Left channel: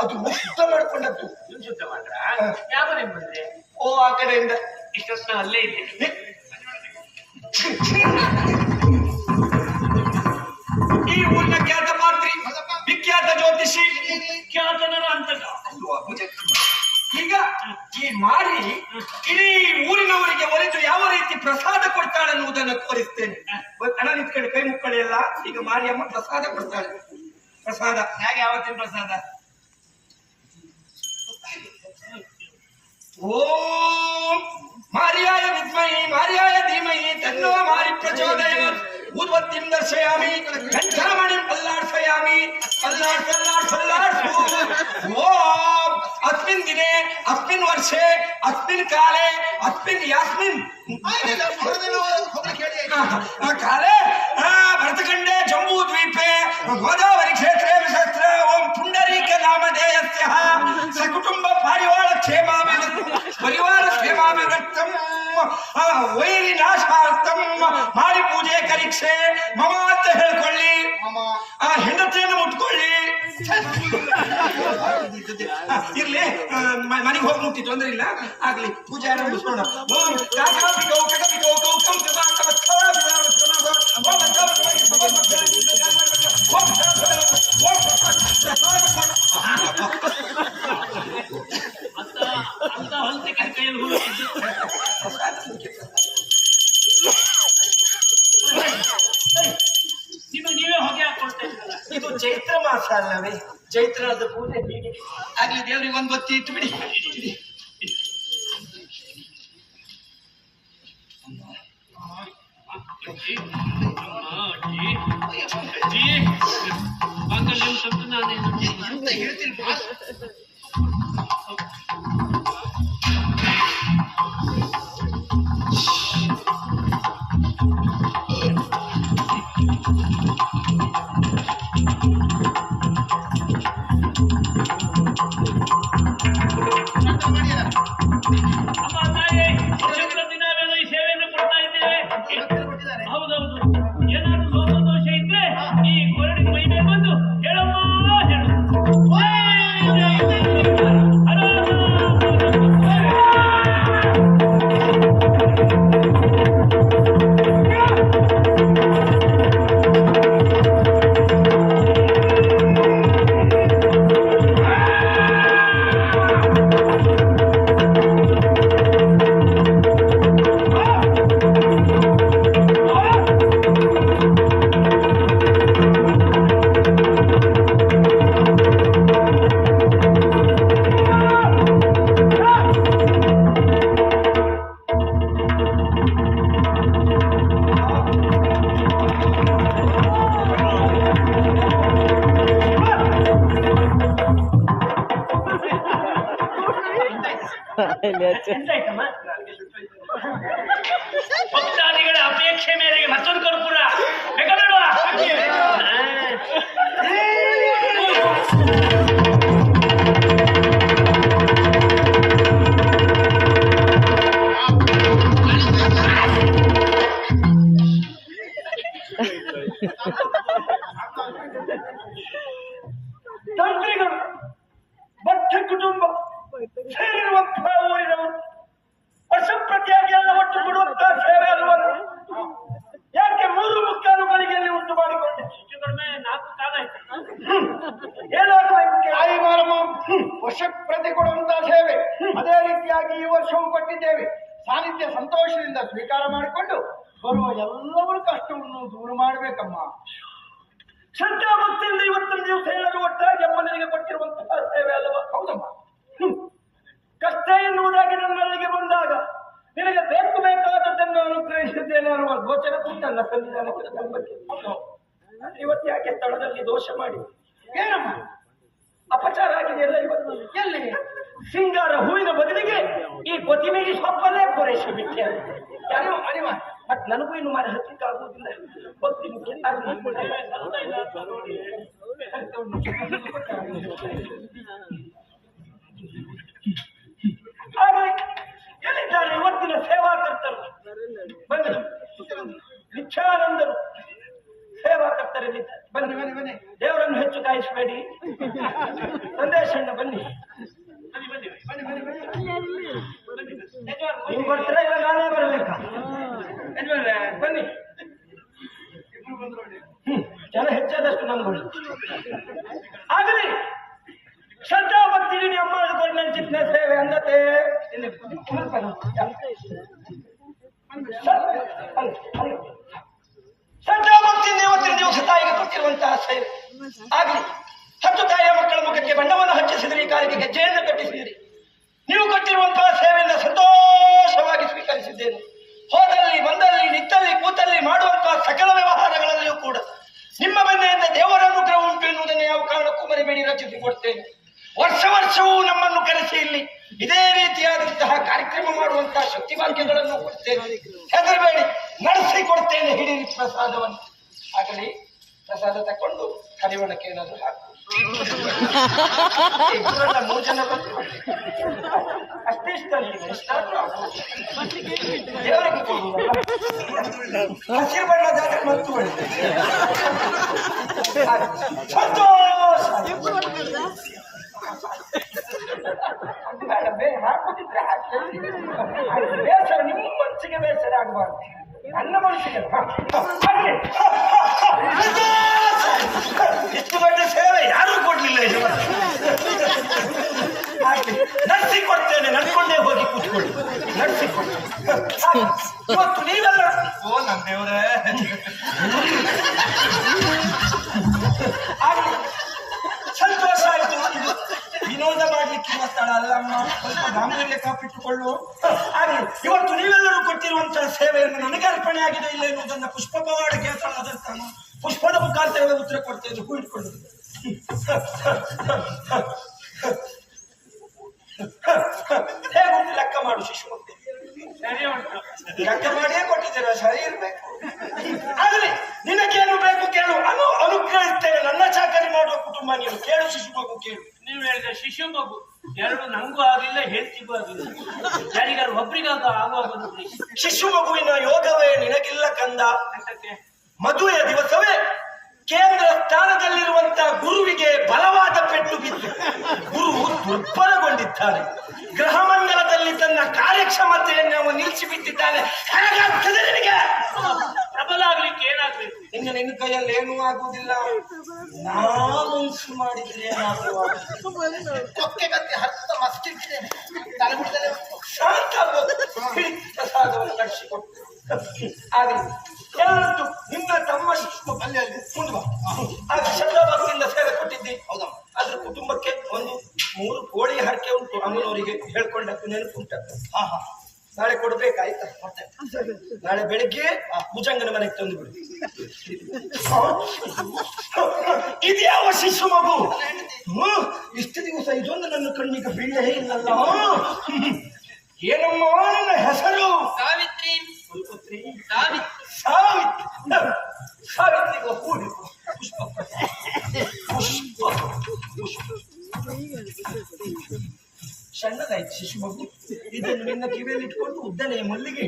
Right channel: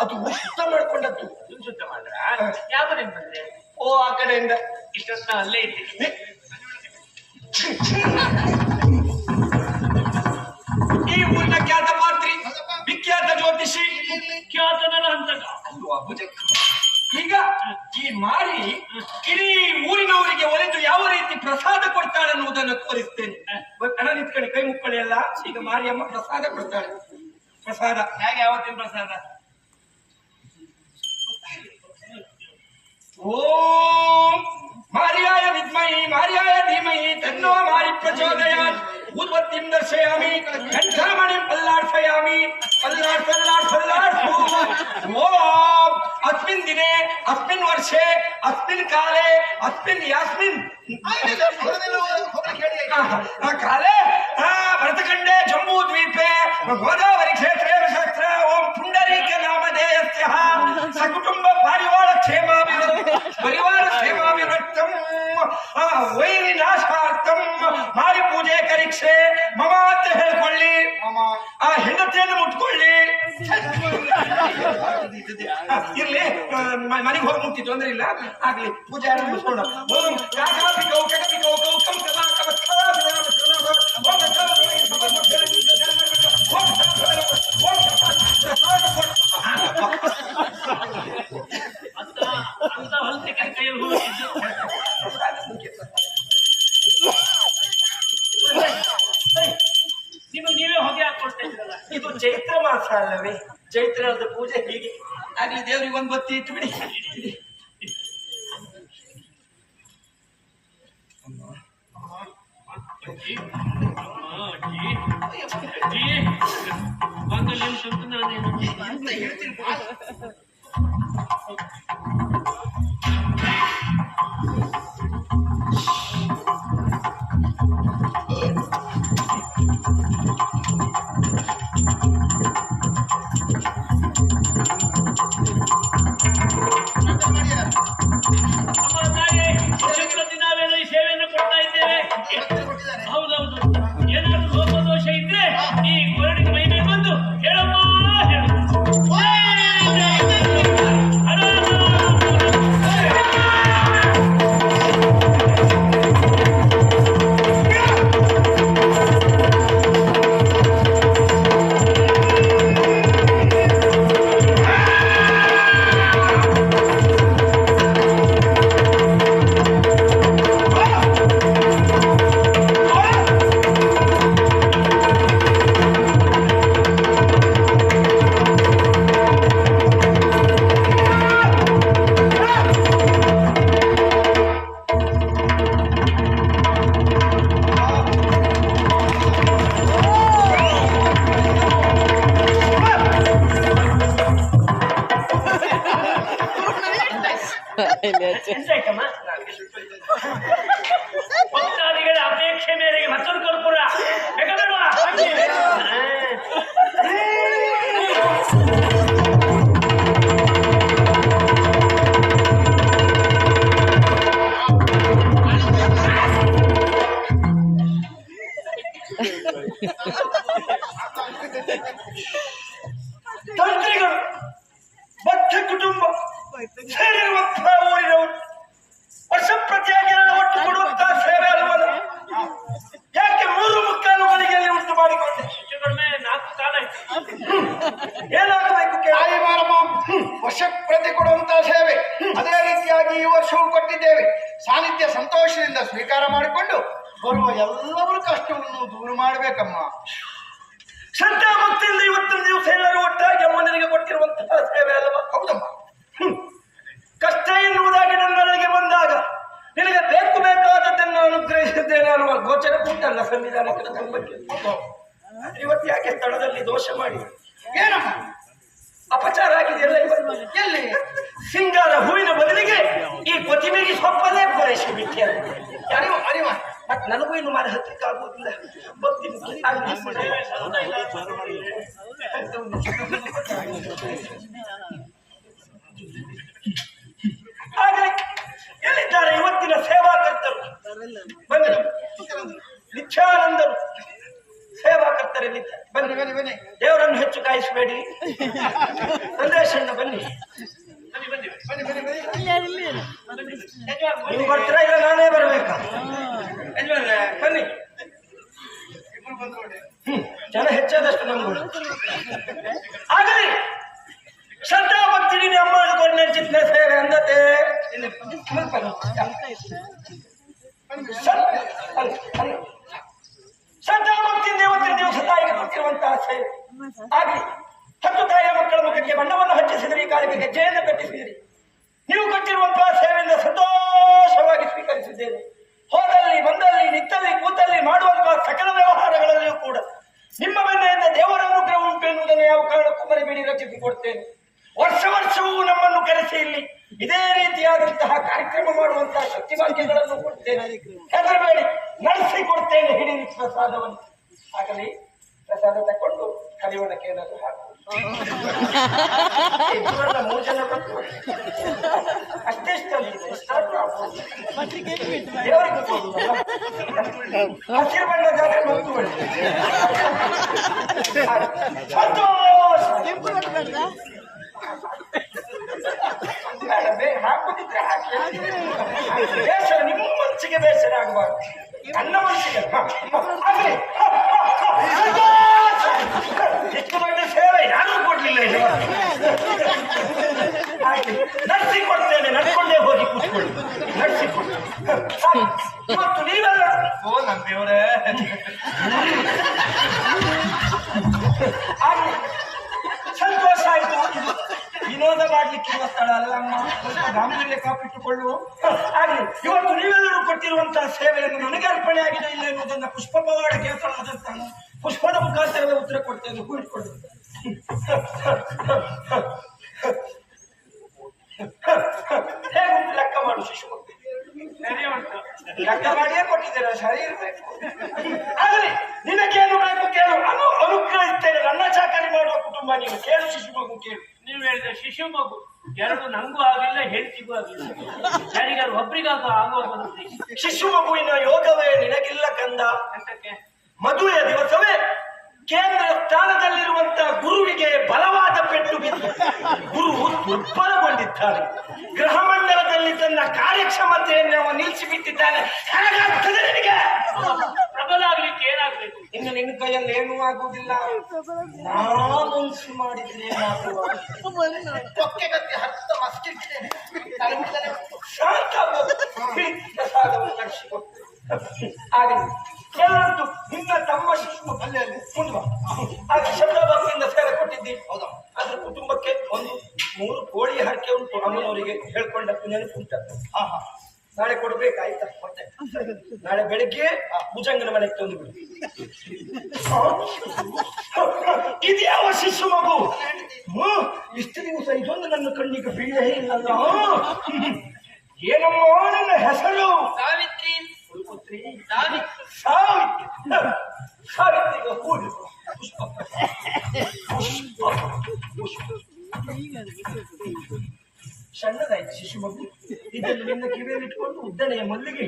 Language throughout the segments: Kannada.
ಅದು ಶುದ್ಧ ಮಾಡ್ಕೊಂಡದ್ದು. ನಿಮ್ ಶುದ್ಧ ಮಾಡ್ರ? ಯಾವ ನಿಮ್ ಬಂದ್ರೆ ಓ ಆ ಕಡೆಯಿಂದ. ಇಷ್ಟೊತ್ತು ನಾ ಅಲ್ಲೇ ಇದ್ದೆ. ಈ ಊರಿನ ಖ್ಯಾತ ಮಾತ್ರಿ ವಿಖ್ಯಾತ ಜ್ಯೋತಿಷಿ. ಅಂತಕ ಅಲ್ವಾ ಭುಜಕ್ಕಮ್ಮ. ಈಗ ಈ ಮಾರಿ ಇಡೀ ಊರಿನವರಿಗೆ ಒಲಿದು ಯಾವ ರೀತಿ ಪ್ರಸಾದ ಕೊಡ್ತಾಳೆ ಅನ್ನುವುದನ್ನು ತೋರಿಸ್ತೇನೆ. ಅಣ್ಣ ನಿಂತ್ಕೊಂಡು ಕೈ ಮುಕ್ಕಳಿ ಅಲ್ಲ ಈಗ ಮಾರಿಯಮ್ಮ ಪ್ರಸಾದ ಕೊಡ್ತಾಳೆ. ಪ್ರಸಾದ. ಹೇಗೆ ಯಾವತ್ತಿನ ಪ್ರಸಾದ? ಓಂ ಮಾರಿಯಾಯ ವಿದ್ಮಯಿ ಮಾರಿಯಾಯ ಧೀಮಯಿ ತನ್ನುವ ಮಾರಿ ಪ್ರಚೋದಯಾತ್. उद्वत्तिम दर्शयामि कंठरमणिम अल्लाहर्षयामि अल्लाह अल्लाह अल्लाह वो आप अस्मिन दिने अस्मिन वर्षे अस्मिन काले अस्मिन यास्मिन काले हाँ भरतकंडे जम्मू द्वीप है क्षेत्र ವೈರಿ ನಾಶಾರ್ಥಂ ಮಾರಿ ಪೂಜೆ ಕರೀಕ್ಷೆ ಮಮ ಅಂತ ಹೇಳ್ಕೊಳ್ಳಿ ಆ ಹೆಂಡತಿಯನ್ನು ಮುಟ್ಕೊಳ್ಳಿ ಇರ್ಲಿ ಮನೆಗೆ ಹೋಗಿ ಮುಟ್ಟಿ ತೊಂದ್ರೆ ಇಲ್ಲ ಆಗ್ಲಿ ಪೂಜೆ ಆರಂಭಿಸೋಣ ಓಂ. ಅಂತ ಹುಡುಕಿದ್ದು ನೀವು ನೀವೇ ಹೊಗೆ ಹಾಕೊಳ್ತಾ ಇದ್ರಲ್ಲ ಇದು ಚೈತ್ರ ಮಾಸ ಅಲ್ಲವೇ ಚೈತ್ರದ ಪೂಜೆ ಹೀಗೆ. ಆಗ್ಲಿ ದೇವ್ರಿಗೆ ಒಂದು ಬತ್ತಿ ಇಟ್ಟು ಬಿಡಿ. ಅಜ್ಜಿ ಏನಾಗಬೇಕು ತಾಯಿ ಮಾರಮ್ಮ ಪ್ರತಿ ಕೊಡುವಂತಹ ಸೇವೆ. ಅದೇ ರೀತಿಯಾಗಿ ಈ ವರ್ಷವೂ ಕೊಟ್ಟಿದ್ದೇವೆ. ಸಾನ್ನಿಧ್ಯ ಸಂತೋಷದಿಂದ ಸ್ವೀಕಾರ ಮಾಡಿಕೊಂಡು ಬರುವ ಎಲ್ಲವರ ಕಷ್ಟವನ್ನು ದೂರ ಮಾಡಬೇಕಮ್ಮ. ಶ್ರದ್ಧಾ ಭಕ್ತಿಯಿಂದ ಇವತ್ತಿನ ದಿವಸ ಎಲ್ಲರೂ ಒಟ್ಟಾಗಿ ಅಮ್ಮನಿಗೆ ಕೊಟ್ಟಿರುವಂತಹ ಸೇವೆ ಅಲ್ವಾ? ಹೌದಮ್ಮ. ಕಷ್ಟ ಎನ್ನುವುದಾಗಿ ನನ್ನಲ್ಲಿಗೆ ಬಂದಾಗ ನಿನಗೆ ಬೇಕು ಬೇಕಾದದ್ದನ್ನು ಅನುಗ್ರಹಿಸಿದ್ದೇನೆ ಅನ್ನುವ ಗೋಚರ ಉಂಟಲ್ಲ ಸಂವಿಧಾನ ಇವತ್ತು ಯಾಕೆ ಸ್ಥಳದಲ್ಲಿ ದೋಷ ಮಾಡಿ? ಏನಮ್ಮ? ಅಪಚಾರ ಆಗಿದೆಯಲ್ಲ ಇವತ್ತು. ಎಲ್ಲಿ? ಸಿಂಗಾರ ಹೂವಿನ ಬದಲಿಗೆ ಈ ಕೊತ್ತಿಮೆಗೆ ಸೊಪ್ಪನೇ ಪೂರೈಸಿ ಬಿಟ್ಟೆ ಅರಿವ ಅರಿವ ಬಟ್ ನನಗೂ ಇನ್ನು ಮಾರ ಹತ್ತಿಕ್ಕೆ ಆಗುವುದಿಲ್ಲ. ಭಕ್ತಿ ಆಗ್ಲಿ. ಎಲ್ಲಿದ್ದಾರೆ ಇವತ್ತಿನ ಸೇವಾಕರ್ತರು ಬಂದರು. ನಿತ್ಯಾನಂದರು. ಸೇವಾಕರ್ತರಲ್ಲಿ ಬನ್ನಿ ಬನ್ನಿ ಬನ್ನಿ. ದೇವರನ್ನು ಹೆಚ್ಚು ಕಾಯಿಸಬೇಡಿ. ಸಂದೇಶಣ್ಣ ಬನ್ನಿ. ಬನ್ನಿ ಬನ್ನಿ ನೀವು ಬರ್ತೀರಾ? ಇಲ್ಲ, ನಾನೇ ಬರ್ಬೇಕಾ? ಬನ್ನಿ. ಜನ ಹೆಚ್ಚಾದಷ್ಟು ನಂಬೋದು ಆಗಲಿ. ಶ್ರದ್ಧಾ ಭಕ್ತಿ ಅಮ್ಮ ಚಿತ್ನೆ ಸೇವೆ ಅಂದತೆ. ಭಕ್ತಿ ದೇವತೆ ದಿವಸ ತಾಯಿಗೆ ಕೊಟ್ಟಿರುವಂತಹ ಸೇವೆ ಆಗಲಿ, ಹತ್ತು ತಾಯಿಯ ಮಕ್ಕಳ ಮುಖಕ್ಕೆ ಬಣ್ಣವನ್ನು ಹಚ್ಚಿಸಿದಿರಿ, ಕಾಲಿಗೆ ಗೆಜ್ಜೆಯನ್ನು ಕಟ್ಟಿಸಿದಿರಿ. ನೀವು ಕೊಟ್ಟಿರುವಂತಹ ಸೇವೆಯಿಂದ ಸಂತೋಷವಾಗಿ ಸ್ವೀಕರಿಸಿದ್ದೇನೆ. ಹೋದಲ್ಲಿ, ಬಂದಲ್ಲಿ ನಿತ್ತಲ್ಲಿ ಕೂತಲ್ಲಿ ಮಾಡುವಂತಹ ಸಕಲ ವ್ಯವಹಾರಗಳಲ್ಲಿಯೂ ಕೂಡ ನಿಮ್ಮ ಮನೆಯಿಂದ ದೇವರ ಅನುಗ್ರಹ ಉಂಟು ಎನ್ನುವುದನ್ನು ಯಾವ ಕಾರಣಕ್ಕೂ ಮರಿಬೇಡಿ ರಚಿಸಿಕೊಡ್ತೇನೆ. ವರ್ಷ ವರ್ಷವೂ ನಮ್ಮನ್ನು ಕರೆಸಿ ಇಲ್ಲಿ ಇದೇ ರೀತಿಯಾದಂತಹ ಕಾರ್ಯಕ್ರಮ ಮಾಡುವಂತಹ ಶಕ್ತಿಭಾಗ್ಯಗಳನ್ನು ಕೊಡ್ತೇನೆ. ಹೆದರಬೇಡಿ. ನಡೆಸಿಕೊಡ್ತೇನೆ ಹಿಡಿರಿ ಪ್ರಸಾದವನ್ನು ಆಗಲಿ ಪ್ರಸಾದ ತಕೊಂಡು ಕರಿವಣಕ್ಕೆ ಏನಾದರೂ ಹಾಕು ಇಬ್ಬರನ್ನ ಮೂರು ಜನ ಬಂದ್ರು ಅಷ್ಟೇ ಇಷ್ಟ ನನಗೆ, ಇಷ್ಟ ಆದ್ರೆ ಆಗ್ಬೋದು. ದೇವರಿಗೆ ಕೊಡುವ. ಹಸಿರು ಬಣ್ಣದ ಮತ್ತು ಒಳ್ಳೆ. ಸಂತೋಷ ಬೇಡ, ಬೇಡ, ಹಾಕುದಿದ್ರೆ ಹಾಕಿ. ಬೇಸರ ನಿಮ್ಮ ಮನಸ್ಸಿಗೆ ಬೇಸರ ಆಗಬಾರ್ದು ನನ್ನ ಮನಸ್ಸಿಗೆ. ಇಷ್ಟು ದೊಡ್ಡ ಸೇವೆ ಯಾರೂ ಕೊಡ್ಲಿಲ್ಲ ಇದು ಹಾಗೆ ಕೊಡ್ತೇನೆ ನಡ್ಕೊಂಡೇ ಹೋಗಿ ಕೂತ್ಕೊಳ್ಳಿ ನಡ್ಸಿ ಇವತ್ತು ನೀವೆಲ್ಲ ಓ ನನ್ನ ದೇವ್ರೇ ಆಗ್ಲಿ. ಸಂತೋಷ ಆಯ್ತು ಇದು ವಿನೋದ ಮಾಡ್ಲಿಕ್ಕಿರುವ ಸ್ಥಳ ಅಲ್ಲ ಅಮ್ಮ ಸ್ವಲ್ಪ ಗಾಂಭೀರ್ಯ ಕಾಪಿಟ್ಟುಕೊಳ್ಳು. ಹಾಗೆ ಇವತ್ತು ನೀವೆಲ್ಲರೂ ಕೊಟ್ಟಿರುವಂತಹ ಸೇವೆಯನ್ನು ನನಗೆ ಅರ್ಪಣೆ ಆಗಿದೆ ಇಲ್ಲ ಎನ್ನುವುದನ್ನ ಪುಷ್ಪ ಪವಾಡ ಕೇಳ್ತಾನ ಪುಷ್ಪದ ಮುಖಾಂತರವೇ ಉತ್ತರ ಕೊಡ್ತೇನೆ ಹೂ ಇಟ್ಕೊಂಡು ಹೇಗುಂಟು ಲೆಕ್ಕ ಮಾಡು ಶಿಶು ಲೆಕ್ಕ ಮಾಡಿಯೇ ಕೊಟ್ಟಿದ್ದೀರಾ? ಸರಿ ಇರ್ಬೇಕು. ಆಗಲಿ ನಿನಗೇನು ಬೇಕು ಕೇಳು. ಅನುಗ್ರಹಿಸ್ತೇನೆ ನನ್ನ ಚಾಕರಿ ಮಾಡುವ ಕುಟುಂಬ ನೀವು. ಕೇಳು ಶಿಶು ಮಗು ಕೇಳು. ನೀವು ಹೇಳಿದ ಶಿಶು ಮಗು ಎರಡು ನಂಗೂ ಆಗಿಲ್ಲ ಹೆಂಡತಿಗೂ ಆಗಿಲ್ಲ. ಯಾರಿಗಾದ್ರು ಒಬ್ರಿಗಾದ ಆಗೋದು ಶಿಶು ಮಗುವಿನ ಯೋಗವೇ ನಿನಗಿಲ್ಲ ಕಂದ. ಅಂತಕ್ಕೆ ಮದುವೆಯ ದಿವಸವೇ ಕೇಂದ್ರ ಸ್ಥಾನದಲ್ಲಿರುವಂತಹ ಗುರುವಿಗೆ ಬಲವಾದ ಪೆಟ್ಟು ಬಿದ್ದು ಗುರು ದುರ್ಬಲಗೊಂಡಿದ್ದಾರೆ ಗ್ರಹ ಮಂಡಲದಲ್ಲಿ ತನ್ನ ಕಾರ್ಯಕ್ಷಮತೆಯನ್ನು ನಿಲ್ಲಿಸಿ ಬಿಟ್ಟಿದ್ದಾನೆ ಹೇಗಾಗ್ತದೆ ನಿನಗೆ ಪ್ರಬಲ ಆಗ್ಲಿಕ್ಕೆ ಏನಾಗ್ಬೇಕು ಇನ್ನು ನಿನ್ನ ಕೈಯಲ್ಲಿ ಏನೂ ಆಗುವುದಿಲ್ಲ ನಾನುಂಸು ಮಾಡಿದ್ರೆ ಕೊಕ್ಕೆ ಕತ್ತಿ ಹತ್ತ ಮಸ್ಕಿಟ್ಟಿದ್ದೇನೆ ಪ್ರಸಾದವನ್ನು ನಡೆಸಿಕೊಟ್ಟು ಆಗಲಿ ಎಲ್ಲರೂ ನಿನ್ನ ತಮ್ಮ ಶಿಶು ಅಲ್ಲಿ ಅಲ್ಲಿ ಮುಂದೆ ಬಾ. ಆಗ ಶಬ್ದಭಕ್ತಿಯಿಂದ ಸೇವೆ ಕೊಟ್ಟಿದ್ದಿ. ಹೌದಮ್ಮ. ಅದ್ರ ಕುಟುಂಬಕ್ಕೆ ಒಂದು ಮೂರು ಕೋಳಿ ಹರಕೆ ಉಂಟು. ಅಮ್ಮನವರಿಗೆ ಹೇಳ್ಕೊಂಡ ನೆನಪುಂಟ. ಹಾ ಹಾ ನಾಳೆ ಕೊಡ್ಬೇಕಾಯ್ತಾ? ಮತ್ತೆ. ನಾಳೆ ಬೆಳಿಗ್ಗೆ ಆ ಭುಜಂಗನ ಮನೆಗೆ ತಂದು ಬಿಡು. ಇದ್ಯಾವ ಶಿಶು ಮಗು? ಇಷ್ಟು ದಿವಸ ಇದೊಂದು ನನ್ನ ಕಣ್ಣಿಗೆ ಬೀಳೇ ಇಲ್ಲಲ್ಲ. ಏನಮ್ಮ ನನ್ನ ಹೆಸರು? ಸಾವಿತ್ರಿ. ಪುತ್ರಿ ಸಾವಿತ್ರಿ. ಸಾವಿತ್ರಿ. ಕೂಡಿ ಪುಷ್ಪ. ಪುಷ್ಪ. ಪುಷ್ಪ. ಸಣ್ಣದಾಯ್ತು ಶಿಶು ಮಗು ಇದನ್ನು ನಿನ್ನ ಕಿವಿಯಲ್ಲಿ ಇಟ್ಕೊಂಡು ಉದ್ದನೆಯ ಮಲ್ಲಿಗೆ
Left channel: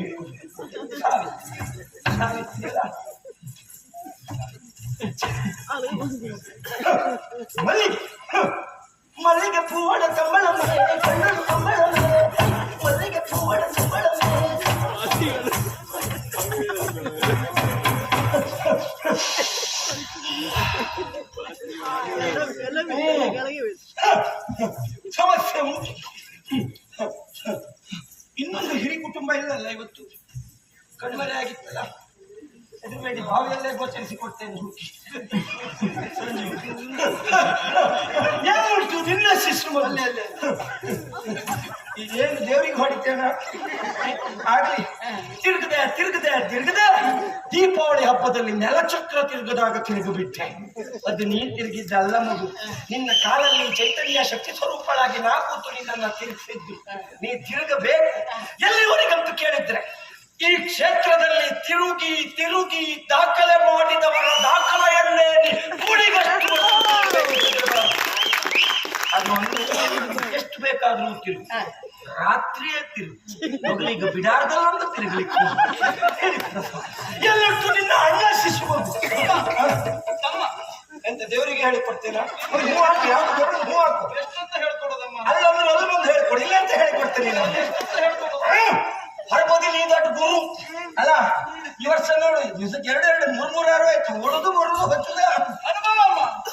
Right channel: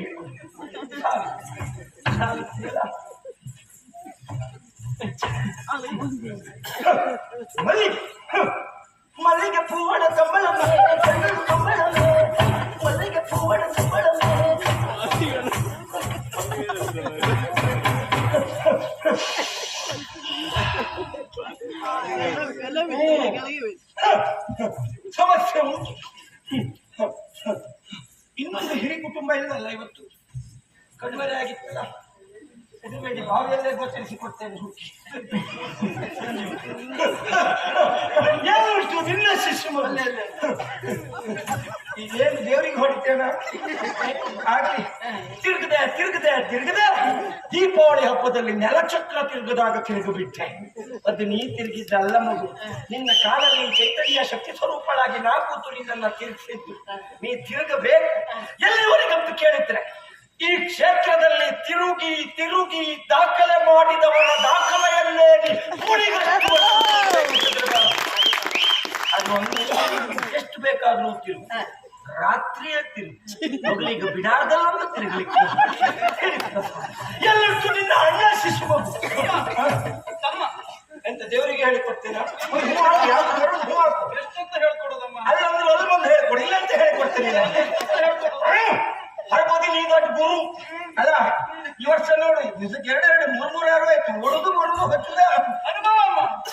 ಮಲ್ಲಿಗೆ. ಮಲ್ಲಿಗೆ ಮನೆ ಮನೆ. ಯಾರುಂಟು ನಿನ್ನ ಶಿಶು ಮಗು ಏನು ದೇವರಿಗೆ ಹೊಡಿತೇನ? ಆಗ್ಲಿ. ತಿರುಗದೆ ತಿರುಗದೆ ತಿರುಗದೆ. ದೀಪಾವಳಿ ಹಬ್ಬದಲ್ಲಿ ನೆಲಚಕ್ರ ತಿರುಗದಾಗ ತಿರುಗು ಬಿಟ್ಟೆ ಅದು ನೀ ತಿರುಗಿದ್ದಲ್ಲ ಮಗು. ನಿನ್ನ ಕಾಲಲ್ಲಿ ಚೈತನ್ಯ ಶಕ್ತಿ ಸ್ವರೂಪಳಾಗಿ ನಾ ಕೂತು ನಿನ್ನ ತಿರುಗಿಸಿದ್ದು. ನೀ ತಿರುಗಬೇಕು. ಎಲ್ಲಿವರೆಗಂತ ಕೇಳಿದ್ರೆ ಈ ಕ್ಷೇತ್ರದಲ್ಲಿ ತಿರುಗಿ ತಿರುಗಿ ದಾಖಲೆ ಮಾಡಿದವರ ದಾಖಲೆಯನ್ನೇ ಅದೊಂದು ಎಷ್ಟು ಬೇಕಾದ್ರೂ ತಿರುಗು. ರಾತ್ರಿಯೇ ತಿರುಗು. ಮೊದಲಿಗೆ ಬಿಡಾರದಲ್ಲೊಂದು ತಿರುಗಲಿಕ್ಕೆ ಎಲ್ಲಷ್ಟು ನಿನ್ನ ಅಣ್ಣ ಶಿಶು. ತಮ್ಮ ಎಂತ ದೇವರಿಗೆ ಹೇಳಿಕೊಡ್ತೀರಾ. ಎಷ್ಟಂತ ಹೇಳ್ಕೊಡೋದಮ್ಮ? ಅಲ್ಲಂದ್ರೆ ಅಲ್ಲಿ ಬಂದು ಹೇಳ್ಕೊಡಿ. ಇಲ್ಲ ಅಂತ ಹೇಳ್ಕೊಡ್ತೀನಿ. ಹರಪತಿ ನೀ ದೊಡ್ಡ ಗುರು. ಅಲ್ಲ ಈ ವರ್ಷ ನೋಡಿ ದಿವಸಕ್ಕೆ ಎರಡು ಎರಡು ಮೂರ್ ಮೂರು ಆರು ಆಯ್ತು. ಒಳದು ಬರುದು ಹಚ್ಚದ.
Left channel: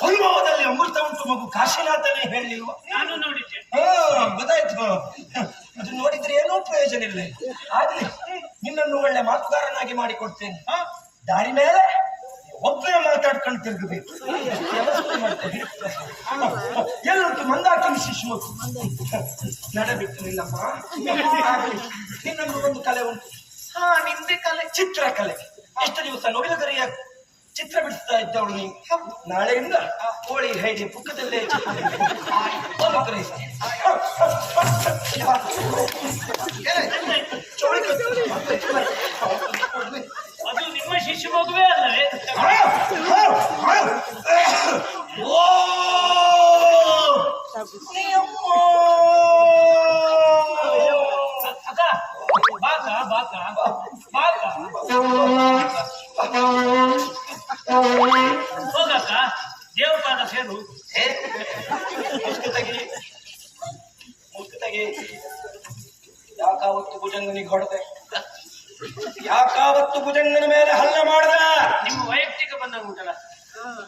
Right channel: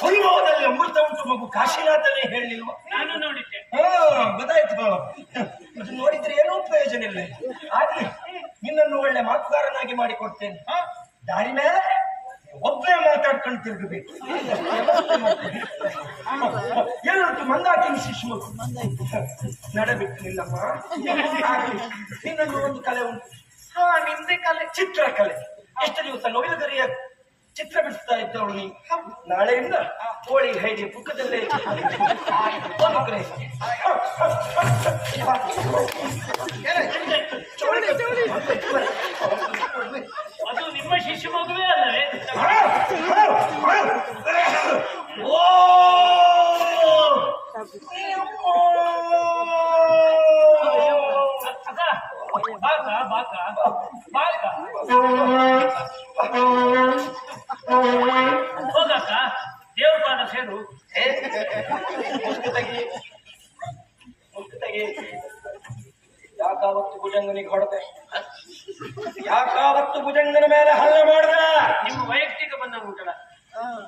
ಅನುಭವದಲ್ಲಿ ಅಮೃತ ಉಂಟು ಮಗು. ಕಾಶಿನಾಥನೇ ಹೇಳಿಲ್ವ? ನಾನು ನೋಡಿದ್ದೆ. ಹಾ ಗೊತ್ತಾಯ್ತು ಅದು ನೋಡಿದ್ರೆ ಏನೂ ಪ್ರಯೋಜನ ಇಲ್ಲ. ಆಗ್ಲಿ ನಿನ್ನನ್ನು ಒಳ್ಳೆ ಮಾತುಗಾರನಾಗಿ ಮಾಡಿಕೊಡ್ತೇನೆ. ಹಾ. ದಾರಿ ಮೇಲೆ ಒಬ್ಬನೇ ಮಾತಾಡ್ಕೊಂಡು ತಿರುಗಬೇಕು. ವ್ಯವಸ್ಥೆ ಮಂದಾಕಿನ ಶಿಶು ನಡಬಿಟ್ಟು ನಿಲ್ಲಮ್ಮ ನಿನ್ನನ್ನು ಒಂದು ಕಲೆ ಉಂಟು ಹಾ ನಿಂದೆ ಕಲೆ ಚಿತ್ರಕಲೆ ಎಷ್ಟು ದಿವಸ ನವಿಲುಗರಿಯ ಚಿತ್ರ ಬಿಡಿಸ್ತಾ ಇದ್ದವಳು ನೀನು ನಾಳೆಯಿಂದ ಕೋಳಿ ಹೇಗೆ ಪುಕ್ಕದಲ್ಲೇ ಒಂದು ಯಾಕಾವತ್ತು ಭುಜಂಗನಿಗೆ ಹೊಡೆದೆ? ಯಾಕಾವತ್ತು ಭುಜಂಗನ ಮೇಲೆ ಹಲ್ಲೆ ಮಾಡಿದ? ನಿಮ್ಮ ವೈಯಕ್ತಿಕ ಬಂದ ಉಂಟಲ್ಲ.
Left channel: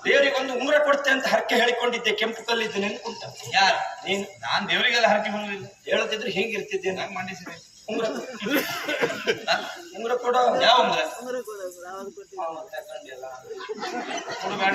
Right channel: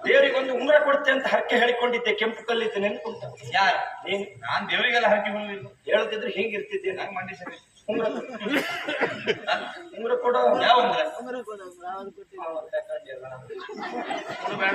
ದೇವರಿಗೊಂದು ಉಂಗುರ ಕೊಡ್ತೆ ಅಂತ ಹರಕೆ ಹೇಳಿಕೊಂಡಿದ್ದೆ ಕೆಂಪು ಕಲ್ಲಿದ್ದು ನೆನ್ಕುಂಟ ಯಾರು? ನೀನು. ನಾನ್ ದೇವರಿಗೆಲ್ಲ ಹರಕೆ ಹೋಗಿಲ್ಲ ಹೇಳದಿದ್ರೆ ಹೇಗಿರ್ತಿದ್ದೆ ನಾನು. ನಂಗೆ ಮಂಡಿ ಸರಿ? ಉಂಗುರ ಉಂಗ್ರ ಕೊಡೋ. ಯಾವ ಉಂಗ್ರ? ಉಂಗ್ರ ಕೊಡೋ ಬೇಡ.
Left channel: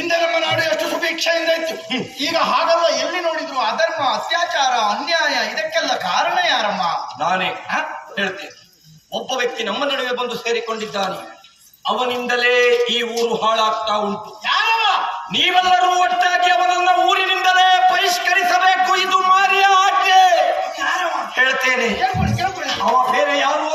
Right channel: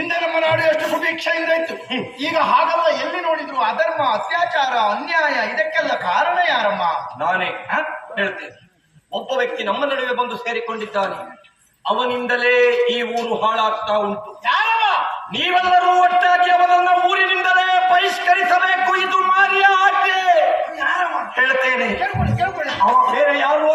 ಹಿಂದೆ ನಮ್ಮ ನಾಡು ಎಷ್ಟು ಸುಭಿಕ್ಷೆಯಿಂದ ಇತ್ತು. ಈಗ ಹಾಗಲ್ಲ ಎಲ್ಲಿ ನೋಡಿದ್ರು ಅಧರ್ಮ ಅತ್ಯಾಚಾರ ಅನ್ಯಾಯ ಇದಕ್ಕೆಲ್ಲ ಕಾರಣ ಯಾರಮ್ಮ? ನಾನೇ? ಹೇಳ್ತೇನೆ ಒಬ್ಬ ವ್ಯಕ್ತಿ ನಮ್ಮ ನಡುವೆ ಬಂದು ಸೇರಿಕೊಂಡಿದ್ದಾನೆ. ಅವನಿಂದಲೇ ಈ ಊರು ಹಾಳಾಗ್ತಾ ಉಂಟು. ಯಾರಮ್ಮ ನೀವೆಲ್ಲರೂ ಒಟ್ಟಾಗಿ ಅವನನ್ನ ಊರಿನಿಂದಲೇ ಬಹಿಷ್ಕರಿಸಬೇಕು ಇದು ಮಾರಿಯ ಆಜ್ಞೆ. ಹೇಳ್ತೇನೆ. ಅವ ಬೇರೆ ಯಾರು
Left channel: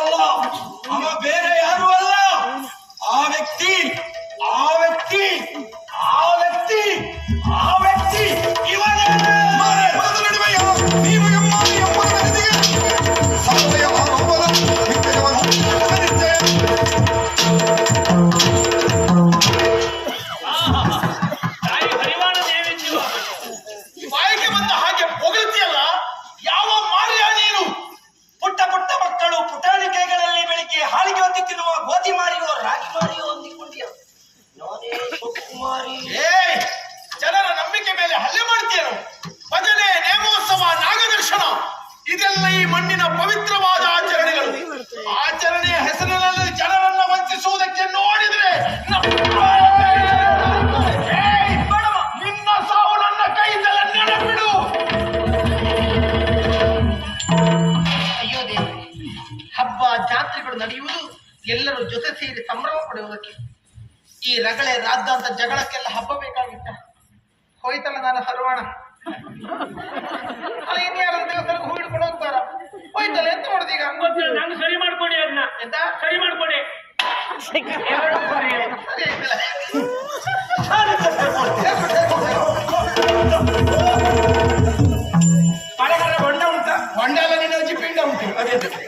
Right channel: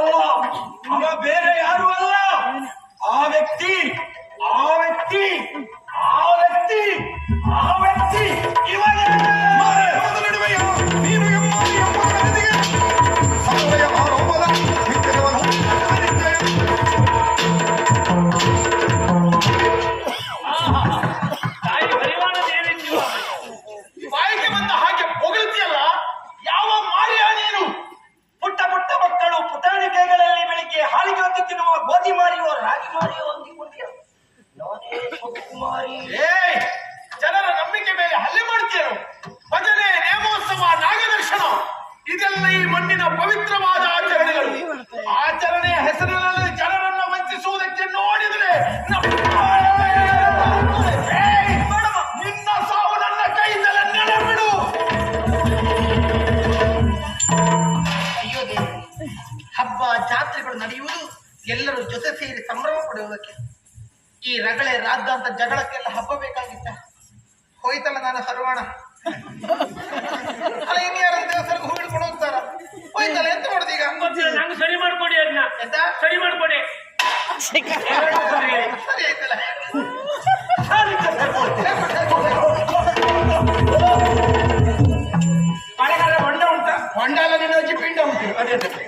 ಮಳೆಗಾಲ ಹೊಂಡ ಉಂಟಾ ಹೊಂಡಾಲ ನಿನ್ನ ಅಜ್ಜಿ ಪಿಂಡ ಉಂಟು. ಅದೆಂತಕ್ಕೆ?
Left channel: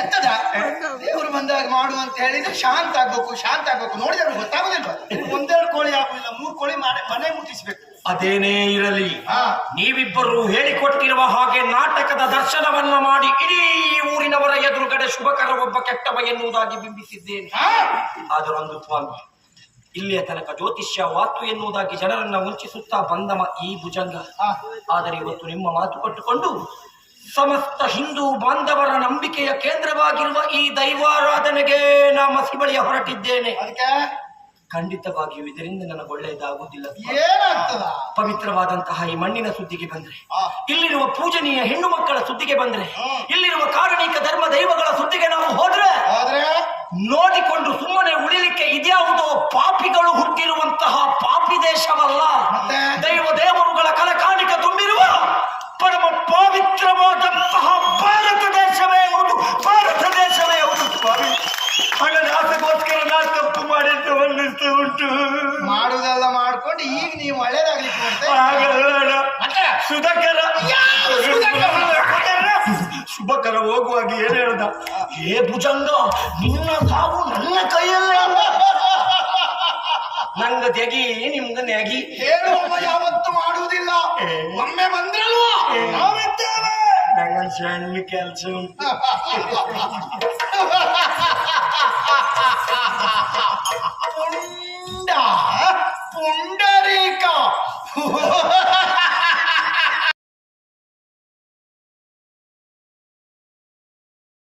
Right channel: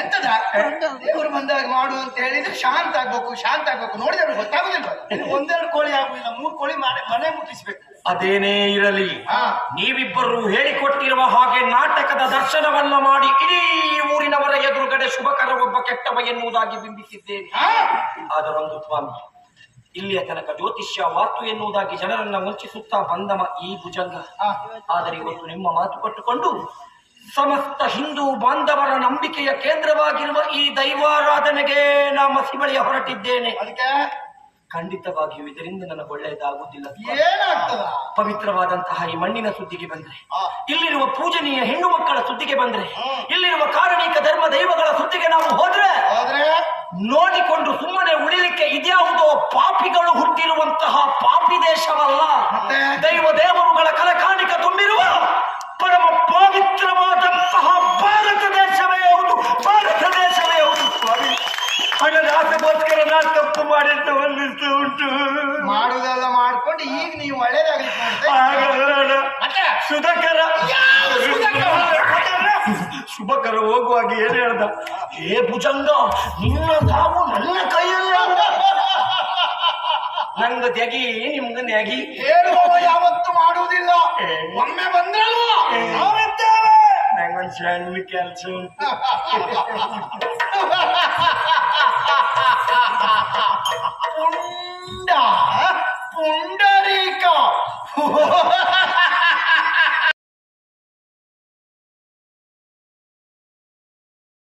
ಎಂತದ? ದೇವರು ಬಂದಾಗ ಮಾಡು ಅಂತ ಹೇಳಿದ್ರೆ ಶಾಂತ ಆಗ್ಬೇಕು ಶಾಂತ ಆಗ್ಬೇಕು. ನೋಡಿದ್ರೆ ಗೊತ್ತಾಗುದಿಲ್ಲ ಒಂದೆರಡು ಕೋಳಿ ಆಗುದಿಲ್ಲ ಮೂರು ಕೋಳಿ ಮಾಡಿ ಮನೆ ಮುಟ್ಟಿಸ್ಬೇಕು. ಅದೇನೇ ಇರಲಿ. ಹಾ. ನೀವಿಬ್ಬರು ಹೇಳಿಕೊಟ್ಟಿರುವ ಹಾಗೆ ನಾಟಕದ ದರ್ಶನವನ್ನ ಮಾಡಿ ಇಡೀ ಊರಿನವರ ಶುಭಕರ ಒಬ್ಬ ಕೆಟ್ಟವ ಎನ್ನುವುದಾಗಿ ಬಿಂಬಿಸಿದ್ದೇನೆ. ಆದರೊಂದು ಸ್ವಾಮಿ ಇಲ್ಲಿಯ ತನಕ ಜ್ಯೋತಿಷ್ಯ ವಾತು ಎನ್ನುವುದಾಗಿ ಜನರನ್ನ ವಂಚಿಸುತ್ತಾ ಬಂದಮ ಈ ಭುಜಂಗ. ಆದರೆ ಇವತ್ತು ನಿಮ್ಮ ಮಾತು ಕೊಟ್ಟುಕೊಂಡು ಸಮಸ್ತ ಹಿಂದೂ ಬಾಂಧವರ ನಂಬಿಕೆಯ ಕೇಂದ್ರವಾಗಿರುವ ಈ ದೈವಾರಾಧನೆಗೆ ನಾ ಮಸಿ ಬಳಿಯ ಹೊರಟಿದ್ದೇನೆ. ಅದಕ್ಕೆ? ಖಂಡಿತವಾಗಿಯೂ ಇದರಿಂದ ನನಗೆ ಒಳ್ಳೆಯದಾಗುವುದಿಲ್ಲ. ಏನಾಗ್ತದ? ಪವಿತ್ರವಾದಂತಹ ಈ ಮಣ್ಣಿನ ಸುದ್ದಿಗೆ ಬಂದ್ರೆ ಇಲ್ಲಿರುವ ಪೂಜನೀಯ ಹೆಣ್ಣು ಮಕ್ಕಳ ಸುದ್ದಿಗೆ ಬಂದ್ರೆ ಇಲ್ಲಿರುವ ಕಾರಣಿಕ ಧರ್ಮ ದೈವಗಳ ಸುದ್ದಿಗೆ ನಾವು ಹೋದ್ರೆ ನೋಡಿಕೊಂಡು ಸುಮ್ಮನೆ ಉಳಿಲಿಕ್ಕೆ ಇದ್ಯಾವುದೋ ಪಾಪಿಗಳು ಹುಟ್ಟಿರುವಂತಹ ಪಾಪಿ ದೇಶವಲ್ಲ. ಮತ್ತೆ? ಉಂಟು ಮಾಡುದೆಲ್ಲ ಮಾಡ್ಕೊಂಡು ಈಗ ನೀವು ಒಳ್ಳೇದಾಗ್ಲಿಕ್ಕೆ ಸುಧಕರ ಹಾಗಲ್ಲ ಮತ್ತೆ? ಸುಧಾಕರ. ಶುಭಕರ ಹೋಗುವಾಗ ಏನ್ ಹೇಳ್ದ? ಏ ಭುಜಂಗ ನಿನ್ನ ಸಾವು ನನ್ನ ಕೈಯಲ್ಲಿ ನಂಗ ತೆಗಿ ನಿಮ್ಗ ನೆಗಿ ಹೇಳುವವ ಯಾವತ್ತು ಮಾಡುವುದಿಲ್ಲ. ಒಮ್ಮೆ ಬಂದ್ರಲ್ಲ. ನಾವಿದ್ದೇವೆ. ನಂಗೊಂದು ಸಣ್ಣ ಕೆಲಸ ಉಂಟು. Rico!